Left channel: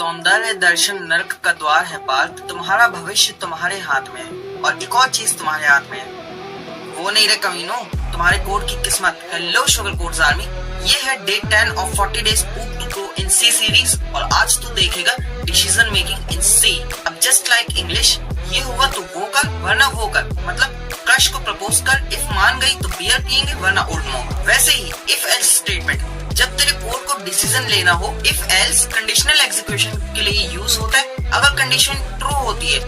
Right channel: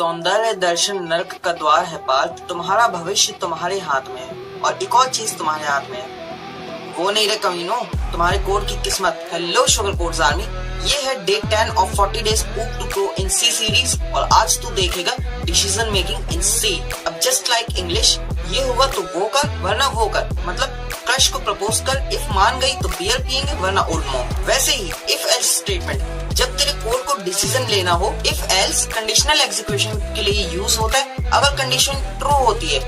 सौंदर्य दर्शन नर्क का द्वार है पार्थ, तुम्हारा भविष्य तुम्हारे हाथ में है और एक और चीज तुम्हारे हाथ में है, वो नहीं रे कमीनो, तुम्हारे कोड की किस्मत। हेलो शुगर कोड्स आर्मी, ये है day 10 of 40 days book to go in C series और आज तू देखेगा डिसीजन मेकिंग इन सी। अब जस्ट लाइक इंग्लिश, ये होगा तो वो कर वरना वो कर, मतलब क्रश को प्रपोज कर, इफ मान गई तो बियर पियेंगे वरना ओल्ड मॉम। वैसे ही इफ एल्स स्टेटमेंट जब तेरे कोड को डिसीजन लेना हो, इफ एल्स कंडीशनल एग्जीक्यूशन के लिए यूज होता है। अगर कंडीशन ट्रू होती है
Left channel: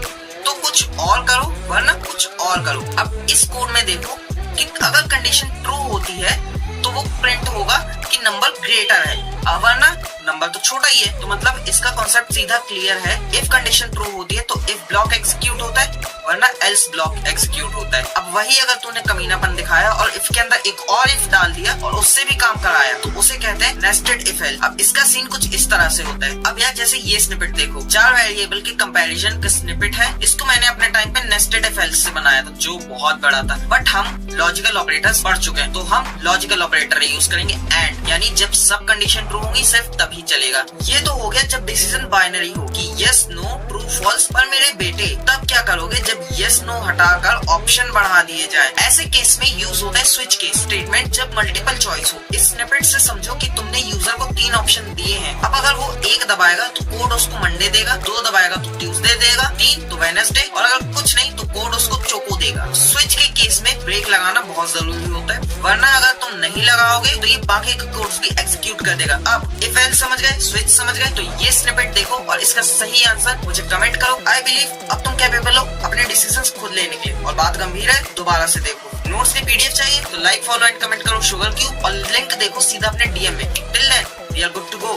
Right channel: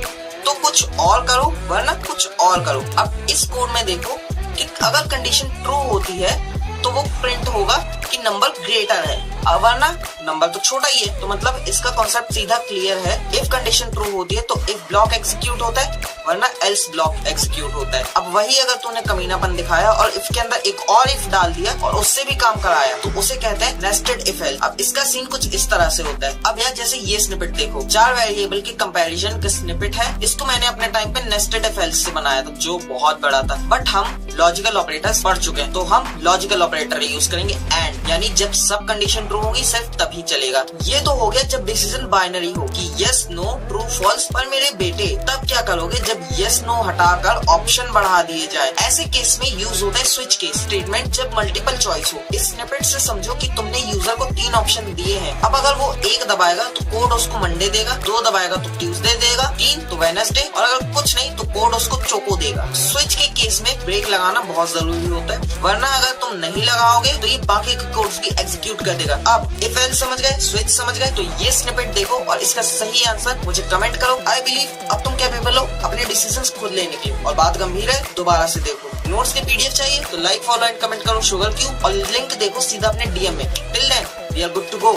तो कुछ और करो वरना कुछ और करो। अब इस कोड में देखो कि अगर कंडीशन ट्रू होती है तो वो प्रिंट होगा कि नंबर ग्रेटर है, वरना नंबर तो छोटा ही है। तो मतलब इसका कॉन्सेप्ट सीधा क्लियर है। इफ कंडीशन ट्रू होती है तो इफ ब्लॉक एग्जीक्यूट होता है वरना एल्स ब्लॉक एग्जीक्यूट होता है। अब वही अगर तूने कमीनापन दिखाया और इफ के अंदर एक और इफ डाल दिया और उससे भी काम कराया तो उसे कहते हैं नेस्टेड इफ एल्स। अब इसका सीन कुछ इस तरह से होता है। अब यार जैसे ये स्निपेट देखो, 4 वेरिएबल के कंपैरिजन का स्निपेट है। इसको मैंने अपने टाइम पे नेस्टेड इफ एल्स से बनाया था जो बहुत बड़ा था, बट हम लॉजिकल ऑपरेटर्स पढ़ चुके हैं तो हम लॉजिकल ऑपरेटर यूज करेंगे एंड, यानी जब सब कंडीशन ट्रू होंगी सिर्फ तभी चलेगा। ये तो हो गया जब डिसीजन बाइनरी हो कि यस नो ट्रू फॉल्स। पर मेरे बेटे तब क्या करोगे जब यस नो हटाकर ऑप्शन बढ़ा दिए जाए। ऐसे केस में यूज होता है स्विच केस स्टेटमेंट जब मल्टीपल चॉइस हो। इस स्निपेट से समझो कि तुमने यूजर को 3 ऑप्शन दिए हैं। अब अगर वो 1 दबाएगा तो कोड उसको मंडे देगा, 2 दबाएगा तो ट्यूसडे देगा, 3 तो वेडनेसडे और अगर कुछ नहीं तो कोड उसको चोको देगा। स्विच के केस में ब्रेक लगाना बहुत जरूरी होता है, वरना अगर तुम नहीं लगाओगे तो ये बाकी के कोड्स भी एग्जीक्यूट कर देगा। अब इफ एल्स समझ गए, स्विच समझ गए, तो ये स्निपेट देखो और इसका सही आंसर मुझे कमेंट करो। आई बिलीव अब तुम कैपेबल हो अपने डिसीजंस खुद लेने के और बात गंभीर है दोबारा से देखो। नोट्स की पीडीएफ चाहिए तो लाइक फॉलो एंड कमेंट करो शुगर क्यूब और लिंक देखो सीधा अपने डीएम में। Till then we are good to go.